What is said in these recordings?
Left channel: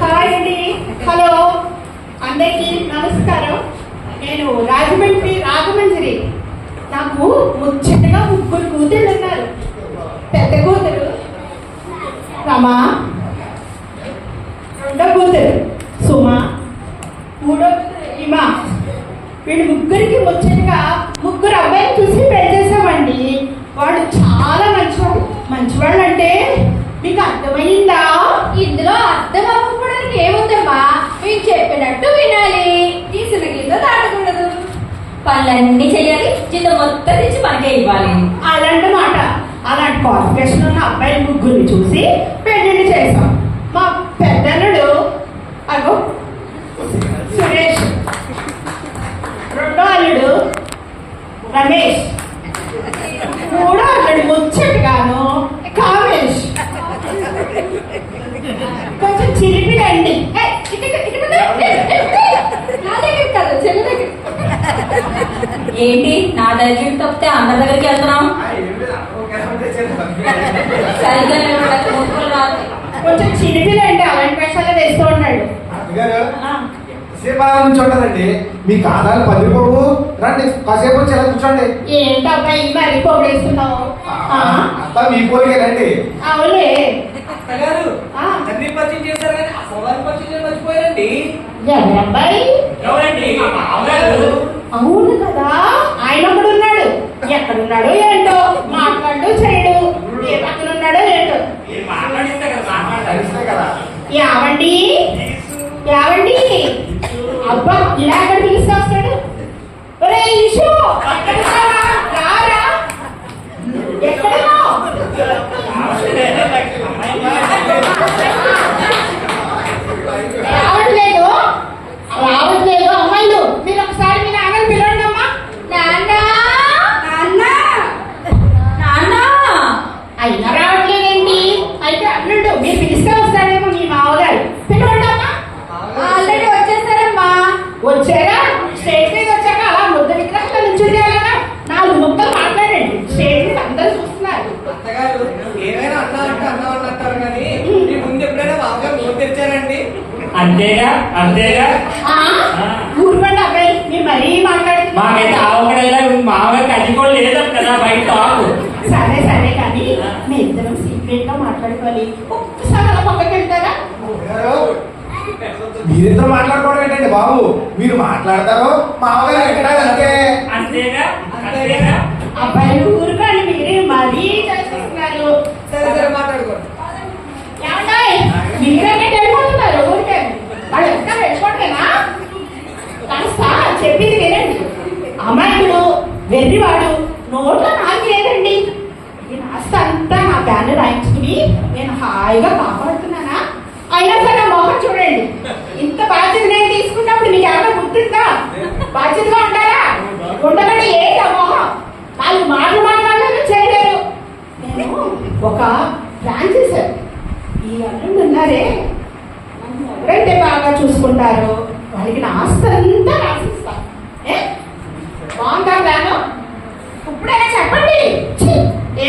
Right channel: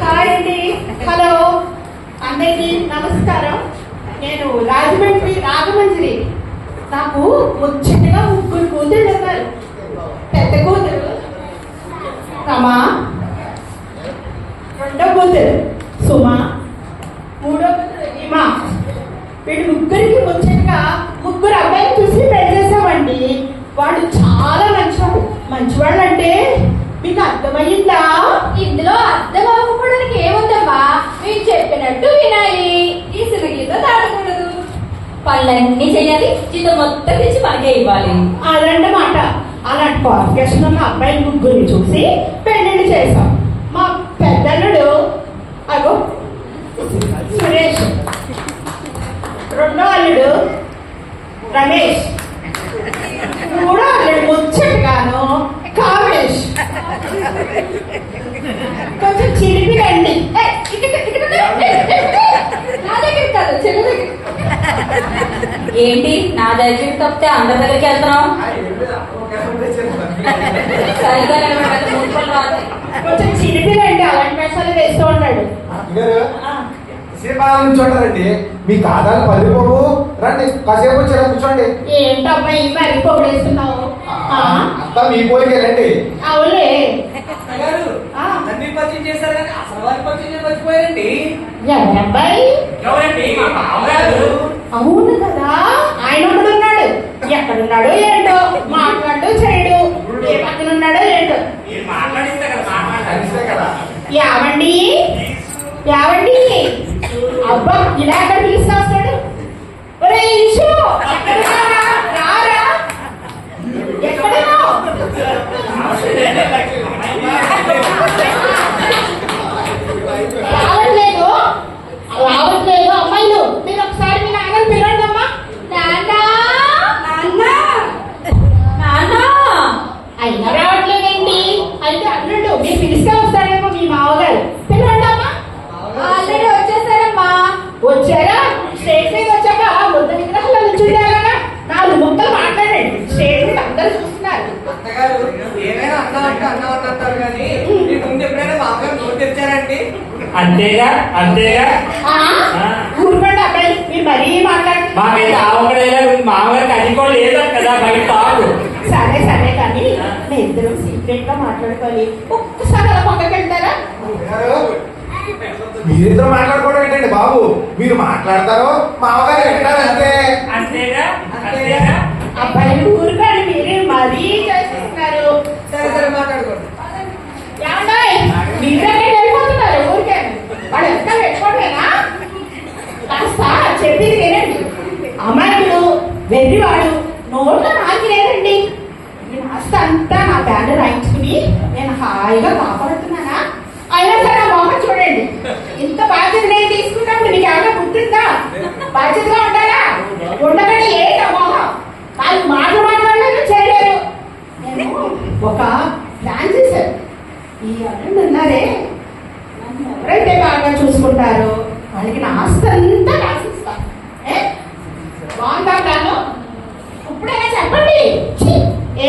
Hi అండి. Hello అందరికీ నమస్కారం. నేను రాజమండ్రి. నాకు ముచ్చటగా 3 కూతుళ్ళు ఉన్నారు. పెద్ద కూతురు రమా, రెండో కూతురు సుమ, మూడో కూతురు హిమా. వీడు ముగ్గురికి ముచ్చటగా 3 అబ్బాయిలు చూసి పెళ్లి చేసామండి. వాడు చాలా మంచివాళ్ళు అంటే మీకు అర్థమైందా? ఇందులో అర్థం అవ్వకపోవడానికి ఏముందమ్మా, మేము చెప్పినట్టు వినాలి, తీసిన కింద దాటకూడదు, పనులన్నీ చెయ్యాలి, జీతం మొత్తం తెచ్చి మనకే ఇవ్వాలి. అలాంటి క్వాలిఫికేషన్ ఉన్న అబ్బాయి 3 చూసి పెళ్లి చేసాం. మా పెద్దల్లుడు అగో సురేష్, రెండో అల్లుడు రమేష్, మూడో అల్లుడు ముచ్చటగాను కామేష్. కొంచెం చిలిపి రండి. ఏంటి నా దగ్గర తప్పితే అందరి దగ్గరికి వెళ్తున్నాం? కొంచెం చిలిపి రండి. అలాంటి వేషాలు వేస్తూ ఉంటాడు. చూడండి, మీ కాదాలు పదిపోవు, రండి కాసేపు వచ్చి కూర్చోండి. ఏంటబ్బా ఈ మరి పోగేస్తున్నావు? అంతా మీ పోలికే రండి. అవులే అన్ని పరిచయం చేశారు కానీ అసలు వారి పరిచయం మర్చిపోయారండి. అబ్బాయి అవును కదా, ఆయన ఒకడు ఉన్నాడు. ఎక్కడున్నాడో ఏంటో, మాట్లాడు చేయడు, ఏ పక్కన ఉన్నాడో ఏంటో. మాట్లాడిస్తే కదా యావండి అబ్బా ఇలా ఎక్కడ తీసుకొస్తాడు? ఒరే ఇషు అక్కడ రారా, ఎక్కడనో రావట్లేదు అమ్మాయిలు. మీరు ఒకసారి మీ నాన్నని పిలవండి అమ్మా. నాన్న అయినా రావట్లేదండి. అయితే అల్లుడు మీరు పిలిస్తే వస్తారేమో మీ మామగారు. పిలవండి అమ్మా. ఆల్రెడీ వచ్చేసారమ్మా. వచ్చారా? స్టేజ్ మీద వచ్చాక అలా ముద్ద విగ్రహాలు నుంచుండేలాగా 4 ముక్కలు మాట్లాడండి. స్టేజ్ మీద అందరూ చూస్తున్నారు. అత్తగారు ఏమైనా అన్నంటారు కానీ మీ ముందు ఎప్పుడైనా మామగారు నోరు తెచ్చారండి? అంతేగా ఊరుకోండి అబ్బాయి, మీరు మరీ మాట్లాడండి. మాకైతే ఆవుకడేలా మామగారికి అది కూడా లేదు కదా, బయట ఆవు. సరే కానీ మీ ఇద్దరం సీక్రెట్ గా మాట్లాడుకోవాలి. ఒక్కసారి అలా పక్కకి వెళ్తారా? మీరిద్దరు మాట్లాడుకోవడం ఏంటండి బాబు? మీరు మాట్లాడతారు, మామగారు ఎక్కడ అంతేగా అబ్బాయి ఊరుకోండి, మీరు మరీ చేస్తున్నారు. సరే మాట్లాడుకోండి. మీరే వెళ్ళిపోతున్నారు ఊరికే. వాళ్ళు ఎంత వెళ్ళిపోవడమేనా? కాస్త చెప్పింది వినండి. అమ్మాయిలు వెర్రివాడు నోట్లో నాకు లేదండి. ఇది కాస్త అంతా నా బ్యానర్ రాయించుకుని నేను హాయిగా కాపాడుతున్నానా? అయినా సరే ఆ మొహం చూడండి. ఇంత బాధ్యత నేను తీసుకున్నప్పుడు నీకు ఏమైనా గుర్తుందా? బాధ్యతగా ఉండాలా? ఉండగానే ఏంటి ఆ మొహం? వాళ్ళు మాట్లాడాలని చేయలేరు. నేను ఒక ప్లాన్ చేశాను. ఈ అన్నం ఉన్నారే, ఎవరైతే బాగా చూసుకుంటారో వాళ్ళకి నా ఆస్తి అంతా రాసిస్తా. బాగుందా ప్లాను? ఇప్పుడైనా చెప్పండి.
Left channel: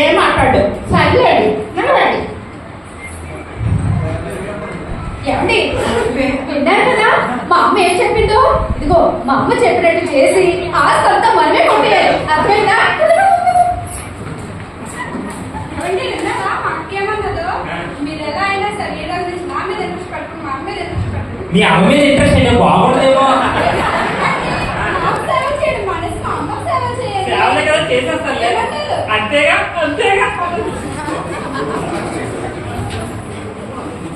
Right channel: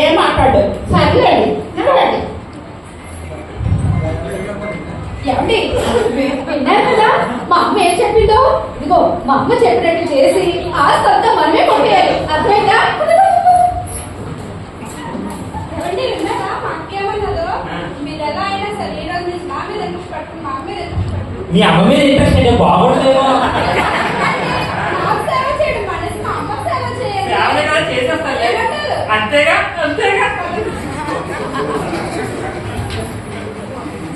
ఏం మాట్లాడు? సర్లేండి, నడవండి. ఏమండి విన్నారు కదా మా అమ్మ ఏం చెప్పిందో? ఇదిగో మా అమ్మ చెప్పినట్టు చేసి ఆస్తి అంతా మనమే కొట్టేయాలి. అర్థమైందా? ఏమండి విన్నారా? మా అక్కేమన్నదో, మీరు ఎలా అయినా సరే ఏ రోజు నుంచి నా మీద ఇంట్రెస్ట్ పట్టుకుని మా అమ్మ మీద ఇంట్రెస్ట్ పట్టుకుని మీ అమ్మ మీద ఇంట్రెస్ట్ నేను బాగుండదేమో. నాకు సేవ చేయండి, మనసు మా అమ్మ సేవ చేయాలి. చేసేస్తాను. అంతేగా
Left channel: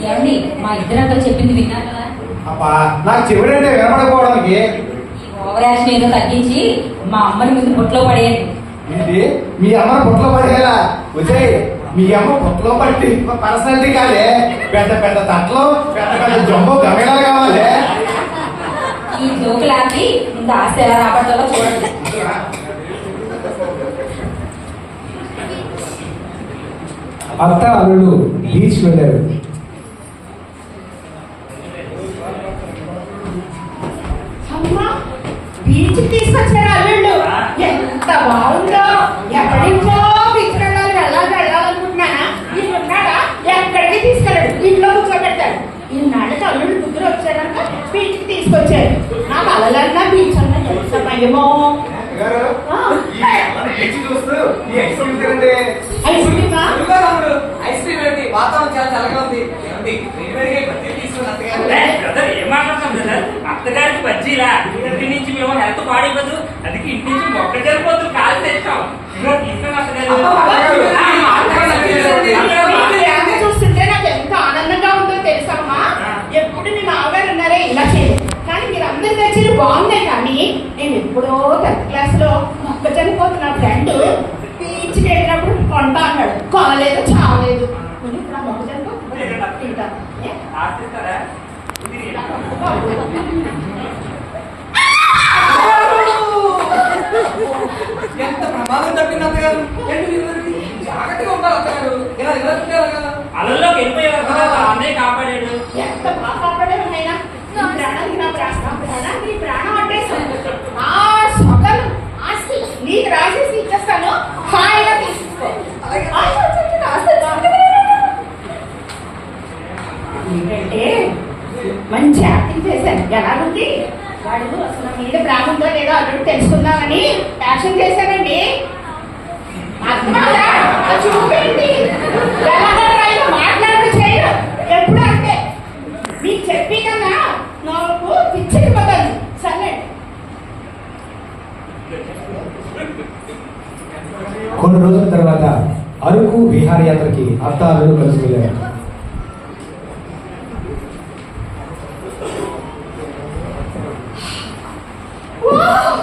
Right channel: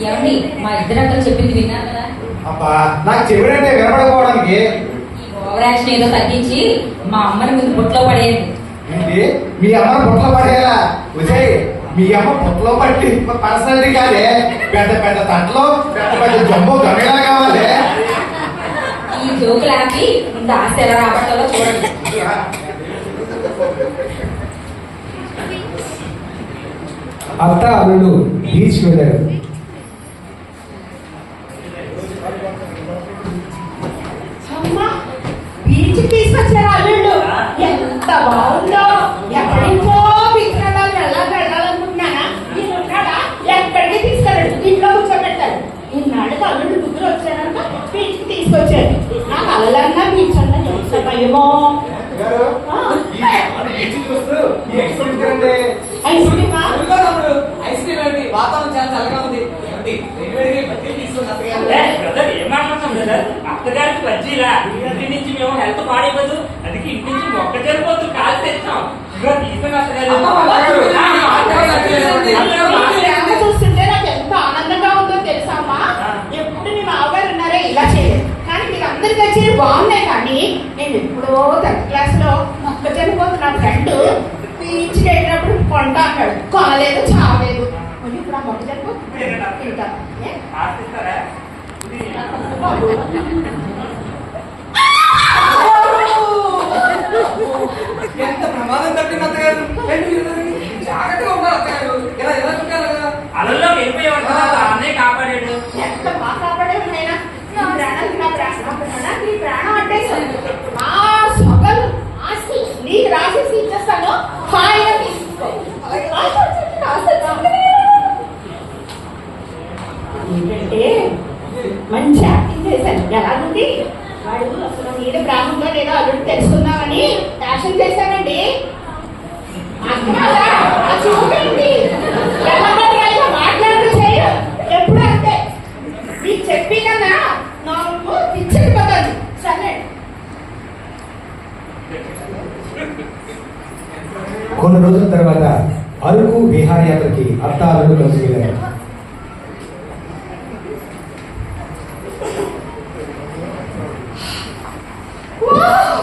ఏమండి మా ఇద్దరంతా చెప్పింది విన్నారు కదా? అబ్బా, నాకు చెవిడంటే వినపడకపోవడానికి. ఈ ఓవర్ యాక్షన్ ఏదో తగ్గించి మా అమ్మని ముందు బొట్లో పడేయండి. ఏంటి మీ అమ్మను పొట్టలో పడేలా? మీ అమ్మ పొట్టలో పట్టి పర్సనాలిటీ కాదే, పెద్ద తట్లో పెద్ద జంబో గమేలా కావాలి. ఈ జోకులు ఆపి ముందు ఆస్తి ఎలా రాబట్టాలో చూడండి. అత్త అల్లుడు బీచ్ వెళ్ళారు. బీచ్ తీసుకొచ్చారు అల్లుళ్ళు. ఎంత బాగుందో. ఎక్కడి నుంచో బీచ్ వెళ్ళాలనుకుంటున్నానా? ఇక్కడ గారు ఈ అమ్మని బీచ్ చూస్తూ ఈ ఎక్స్పీరియన్స్ కదండి. ఐస్ క్రీమా? ఇదిగో తమ్ముడు, ఐస్ క్రీమ్ ఏంటి? వాతావరణం చాలా చల్లగా ఉంది. ఏమండి వేడివేడిగా బజ్జీలు తీసుకుని అత్తగారు. బ్రదర్ ఏం మాట్లాడుతాం బ్రదర్, అత్తగారికి బజ్జీలా? ఇంటి నుంచి మేము హెల్త్ పాడైపోదు, అందుకే ఇంటి నుంచి మొక్క జరిపోతుంది కాలు తెచ్చాం. ఇదిగో తీసుకుని అత్తగారు. ఈ ప్రేమ చూస్తుంటే నాకు ఎంత ఆనందంగా ఉందో తెలుసమ్మా. ఎప్పుడు మీ మామగారు ఉన్నారే ఇలా చేయదు, కానీ మీరు అందరి దగ్గర బాగున్నాయి. కానీ నేను ఎప్పుడో 10th క్లాస్ లో మొక్కజొన్న పోతున్న ఫ్రెండ్ బీచ్కి వెళ్ళినప్పుడు కొంటా అన్నాడు, కొనలేదు, చావలేదు. మరి ఇప్పుడు ఆ మొక్కజొన్న తింటాం. ఆశిస్తారా? ఎంత ప్రమాదం తప్పింది అత్తగారు. జాగ్రత్తగా ఉండాలి అత్తగారు. ఇలా ఇలా చూడాలి కదా. అలల్లోకి వెళ్ళిపోయేవారు కదా, అన్నయ్య కాపాడాడు. ఎంత బాగా కాపాడే ఉన్నాయినా. నా ప్రాణానికి నీ ప్రాణం అంటే ఆ సొగలు ఆస్తి నీకు రాసేసి ఇచ్చేస్తాను, హాయిగా తీసుకో. ఏంటంటే మంచి యాక్టింగ్ చేశాను. ఎలా ఉంది వాడు? అసలు మీద బ్రాహ్మణుడు ఏదో అల్లుడు తెలుసుకుందామని యాక్షన్ చేశానండి. చూపింది మాట్లాడు చేయడు ఎప్పుడు అంటే మీకు చెప్పి కదా నాకు పిచ్చిపోతుంది. సరే కొన్ని రోజుల తర్వాత అరకు విహారయాత్రకి అత్తాలను కలిసి వెళ్ళారు. వావ్!